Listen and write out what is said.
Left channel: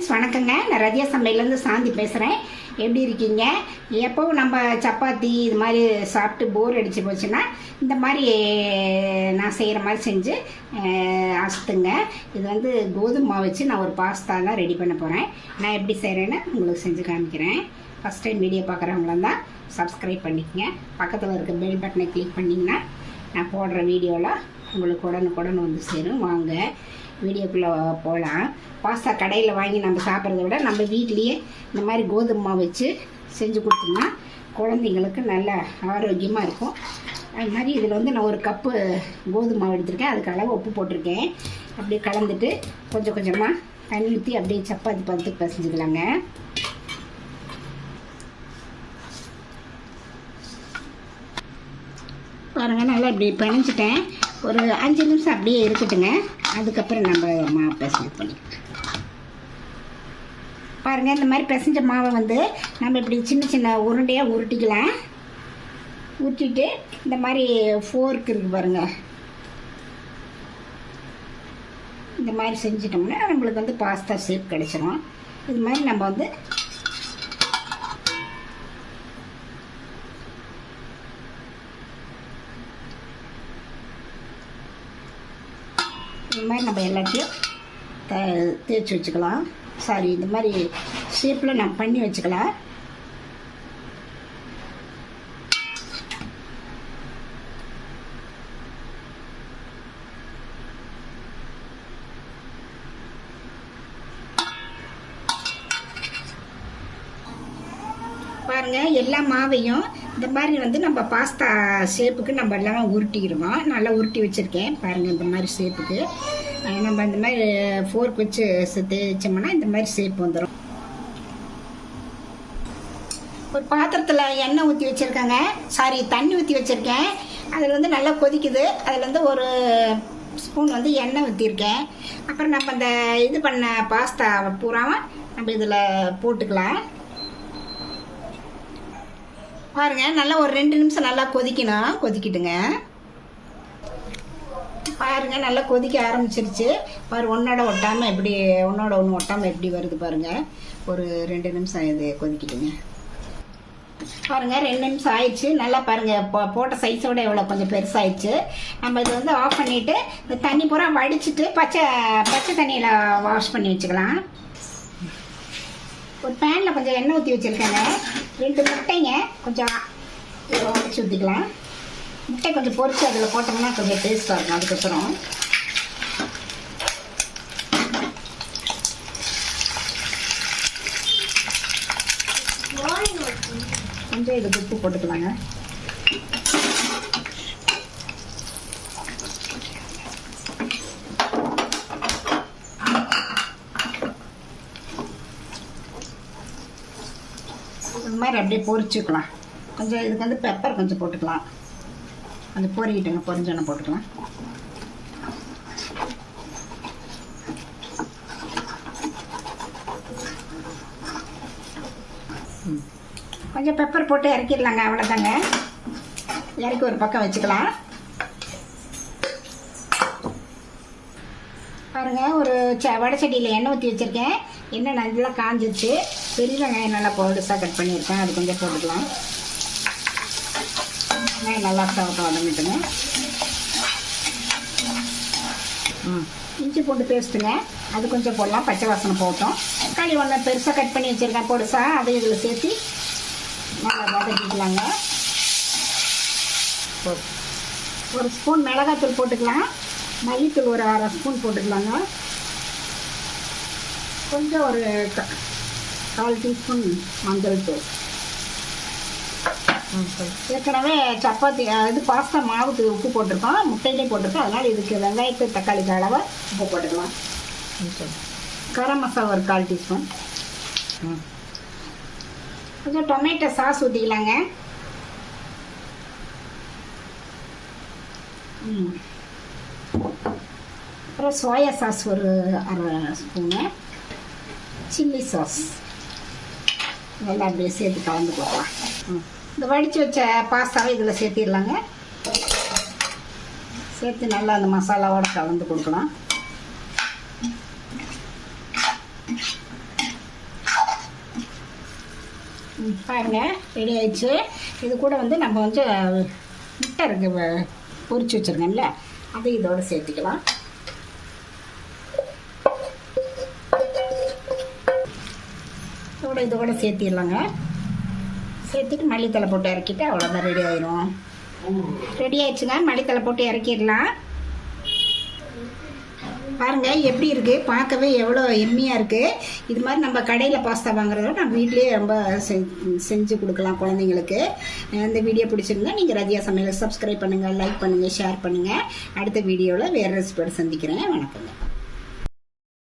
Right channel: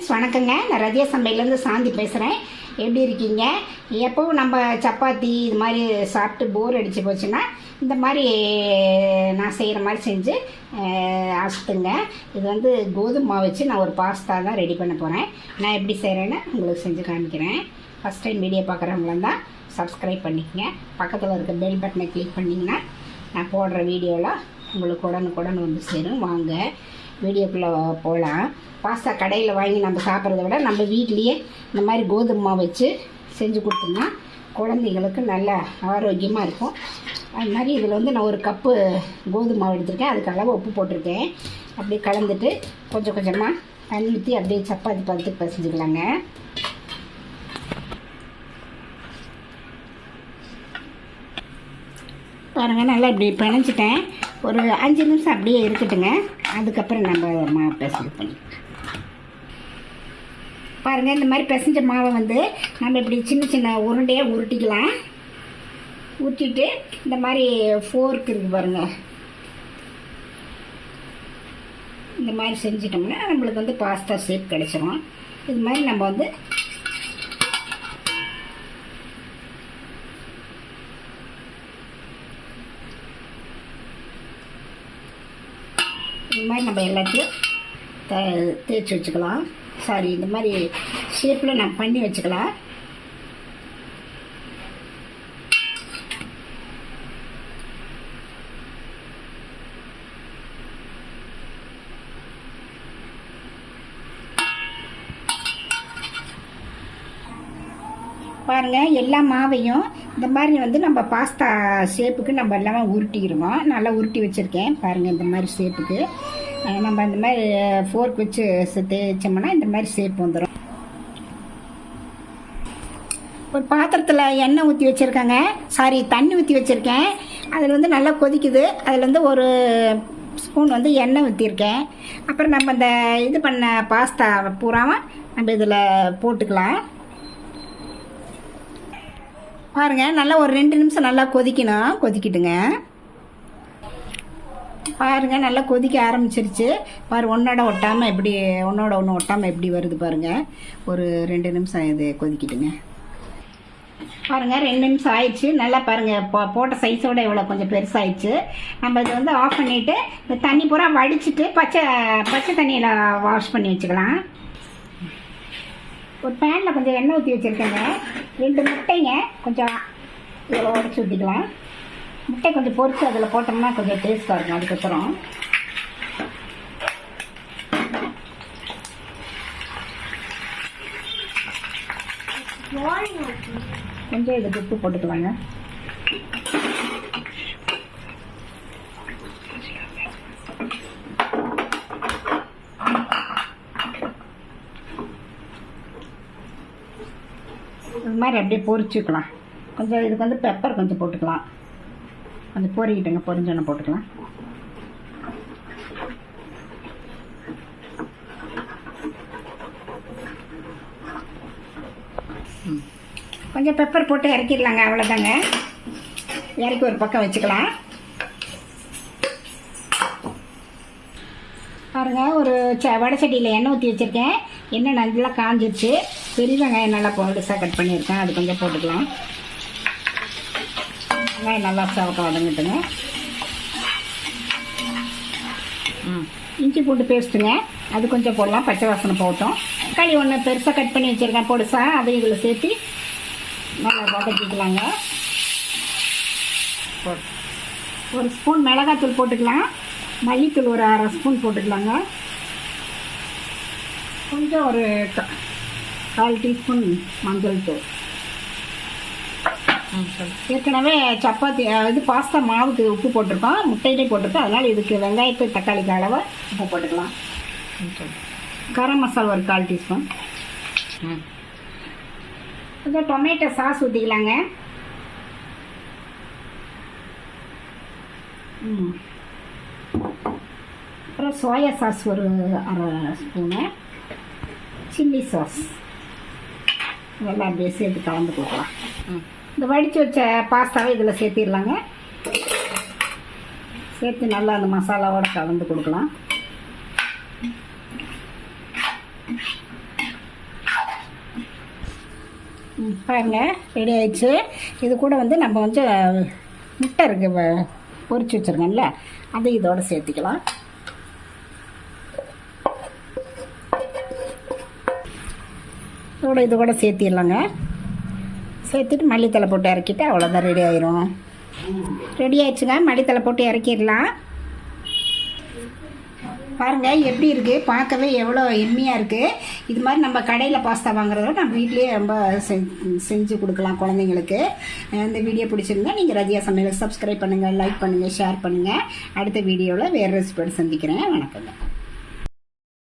Friends வணக்கங்க. நான் ரஜியா சமையலேருந்து சாந்தி பேசுகிறேன். எப்படி இருக்கீங்க? எப்போவும் நம்ம சப்பாத்தி இது மாதிரி சாப்பிட்டு போர் அடித்து போச்சுன்னா இந்த மாதிரி நான் செய்கிற மாதிரி செஞ்சு அசுத்துங்க. இது வந்து கோதுமை மாவு வச்சு நான் ஒரு பாஸ்தா தான் ரெடி பண்ண போகிறேன். நான் எப்படி செய்கிறேன்னு உங்களுக்கு செஞ்சு காமிக்கிறேன். ஃபஸ்ட் டைம் வீடியோ பார்க்குறவங்களாம் தான் சப்ஸ்கிரைப் பண்ணிக்கங்க. பக்கத்தில் இருக்க பெல் பட்டனை கிளிக் பண்ணிங்கன்னா நான் போடுற வீடியோவில் உங்களுக்கு உடனுக்குடன் வந்து சேரும். வாங்க வீடியோக்குள்ளே போகலாம். பாஸ்தா கடையில் வாங்கி நம்ம சாப்பிட்றத விட நம்ம வீட்லேயே இந்த மாதிரி கோதுமை மாவு வச்சு செஞ்சு கொடுத்தோம்னா குழந்தைங்களுக்கு நல்ல ஆரோக்கியமாக இருக்கும். அது மாதிரி இதில் வந்து நான் ஒரு கப்பு கோதுமை மாவு எடுத்திருக்கேன். அதுக்கு அளவு உப்பு போட்டிருக்கேன். அப்படியே கலந்துட்டு கொஞ்சம் கொஞ்சமாக தண்ணி ஊற்றி அப்படியே சப்பாத்தி பதத்துக்கு பசஞ்சுக்கலாங்க. பாருங்கள், நல்லா இப்படி பிணைஞ்சிட்டேன். ஒரு 5 நிமிஷம் அப்படியே இருக்கட்டுங்க. அதுக்கப்புறம் நம்ம மாவு பிசைஞ்சு பண்ணி பாருங்கள். இந்த மாதிரி பிசைஞ்ச மாவை வந்து நம்ம இப்படி சின்ன சின்ன உருண்டையாக உருட்டிக்கலாம். உருட்டிட்டு இந்த மாதிரி ஃபோர்க் இருக்குது பாருங்கள், இந்த மாதிரி செஞ்சிட்டோம்னா நம்மளுக்கு வந்து பாஸ்தா ஷேப் கிடச்சிரும். இது மாதிரி நம்ம வந்து இந்த மாதிரி நம்ம எல்லாத்தையும் தேய்ச்சி வச்சுக்கலாம். சாரி, இந்த மாதிரி ஷேப்பில் நான் பண்ணி வச்சுக்கலாம். பாருங்கள், எல்லா மாவையும் இந்த மாதிரி வந்து நம்ம பாஸ்தா ஷேப்புக்கு நம்ம எல்லாமே உருட்டிடுவோம். நல்லா உருட்டி வச்சுருக்கேன் பாருங்கள். இந்த மாதிரி ஷேப்புக்கு நம்ம இந்த மாதிரி ஃபோர்க் வச்சு தேய்ச்சோம்னா இந்த மாதிரி ஷேப் வந்துடும். ஒரு பாத்திரத்தில் எண்ணெய் ஊற்றி வச்சுருக்கேங்க. தண்ணி ஊற்றி வச்சுருக்கேன். அதில் வந்து நல்லா கொதிக்குது. அதில் வந்து ஒரு ஸ்பூன் வந்து எண்ணெய் ஊற்றிருக்கேன். அப்புறம் நம்ம இந்த இது பண்ண பாஸ்தா பூராவும் நம்ம இதில் போட்டுக்கலாம். பாருங்கள், நல்லா ஒரு 2 நிமிஷம் நல்லா கொதிக்கணும். கொதிக்கிட்டுங்க. பாருங்கள், நல்லா கொதிக்க ஆரம்பிச்சிருச்சு. ஒன்றோட ஒட்டாமல் எப்படி ஒன்றோட ஒன்று ஒட்டாமல் எப்படி வருது பாருங்கள். ஒரு 2 நிமிஷம் இது கொதிக்கிட்டுங்க. பாருங்கள், 2 நிமிஷம் ஆயிடுச்சு. நல்லா பாருங்கள், போட்ட சைஸோட எவ்வளோ கொஞ்சம் பெருசாகிடுச்சு. நம்ம இதை வந்து ஆஃப் பண்ணிவிட்டு இந்த தண்ணி பூரா வடிச்சிட்டு பச்சை தண்ணியில் வாஷ் பண்ணி வச்சுக்கலாம். ஒரு பேனில் கொஞ்சம் எண்ணெய் ஊற்றி வச்சுருக்கேங்க. 2 முட்டைங்க கொஞ்சம் உடச்சி ஊற்றிக்கலாம். முட்டை கொஞ்சம் பொரிச்சு அதில் போட்டோம்னா கொஞ்சம் டேஸ்ட்டாக இருக்கும். அதுக்கப்புறம் கொஞ்சம் இது உப்பு போட்டுக்கலாங்க. இது மாதிரி அப்படியே பொரிச்சுக்கலாம். கொஞ்சம் இதுக்கு வந்து பெப்பர் கொஞ்சம் போட்டுக்கலாம். கொஞ்சம் பொரிக்கிட்டுங்க, பொரிஞ்சோன்னு போட்டுக்கலாம். கொஞ்சம் பெப்பர் போட்டு இறக்கிடலாங்க. அவ்வளோதாங்க. இறக்கி ஒரு பக்கம் வச்சுக்கலாம். பாருங்கள், ஒரு வடைச்சட்டியில் எண்ணெய் ஊற்றி வச்சுருக்கேன். எண்ணெய் நல்லா காஞ்சிருச்சு. பெரிய வெங்காயம் நல்லா பொருசாக கட் பண்ணியிருக்கேன். அது கொஞ்சம் போட்டுக்கலாம். வெங்காயம் நல்லா சவக்க வதங்கிட்டுங்க. இஞ்சி பூண்டு பேஸ்ட்டுங்க, அது கொஞ்சம் போடலாம். பச்சை வாசனை போட்டோம். தக்காளி ஒன்று பெருசாக கட் பண்ணி வச்சுருக்கேன் பொடிசாக. அதை இதில் சேர்த்து நல்லா வதக்கிக்கலாங்க. ஒரு ஸ்பூன் மிளகாத்தூள் போட்டுக்கலாம். மல்லித்தூள் ஒரு 1/2 ஸ்பூன் போட்டுக்கலாங்க. கொஞ்சம் ஒரு 1/4 டீஸ்பூன் மஞ்சள் தூள். ஏற்கனவே சப்பாத்தி இது பாஸ்தா மாவுக்கு உப்பு போட்டிருக்கோம், முட்டையிலே போட்டிருக்கோம். அதனால் இதுக்கு வெங்காயத்து தக்காளிக்கு அளவாக உப்பு போட்டுக்கலாம். கரம் மசாலா ஒரு 1/4 டீஸ்பூன். கொஞ்சம் டொமேட்டோ சாஸ் ஊற்றிக்கலாங்க. அப்புறம் சோயா சாஸ் ஒரு 1/2 ஸ்பூனு. சில்லி சாஸ் இதெல்லாம் அப்படியே சேர்த்து கலந்து கொடுக்கலாம். இந்த வடித்து வச்ச பாஸ்தாவை இதில் சேர்த்திடலாங்க. சேர்த்து நல்லா அந்த மசாலாவோட கலந்து கொடுக்கலாம். பாருங்க ரெடி ஆயிடுச்சு. இது கூட வந்து நம்ம வந்து முட்டை இருக்கு பொரிச்சு வச்சுருக்கோம்ல, அதை இதோட சேர்த்துக்கலாம். இது கூட சேர்த்திடலாங்க. சேர்த்துட்டு மல்லித்தலை போட்டு இறக்கிட்டு அவ்வளோதான், ரெடி ஆயிரும். ரெடி ஆயிடுச்சுங்க, மல்லித்தலை போட்டு இறக்கிடலாம். பாருங்கள் எப்படி இருக்குது, பார்க்கவே எவ்வளோ எம்மியாக இருக்குது. இது மாதிரி நம்ம கடையில் பாஸ்தா வாங்குறதோட நம்ம வீட்லேயே ரொம்ப செஞ்சு கொடுக்கலாம் குழந்தைங்களுக்கு. இந்த வீடியோ பிடிச்சிருந்தா நீங்கள் ரதியா சமையலை சப்ஸ்கிரைப் பண்ணுங்கள், லைக் பண்ணுங்கள், ஷேர் பண்ணுங்கள். அடுத்த வீடியோவில் வேறு ரெசிபியோடு சந்திக்கிறேன். வணக்கங்க.